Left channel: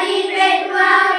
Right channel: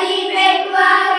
Daddy, big one.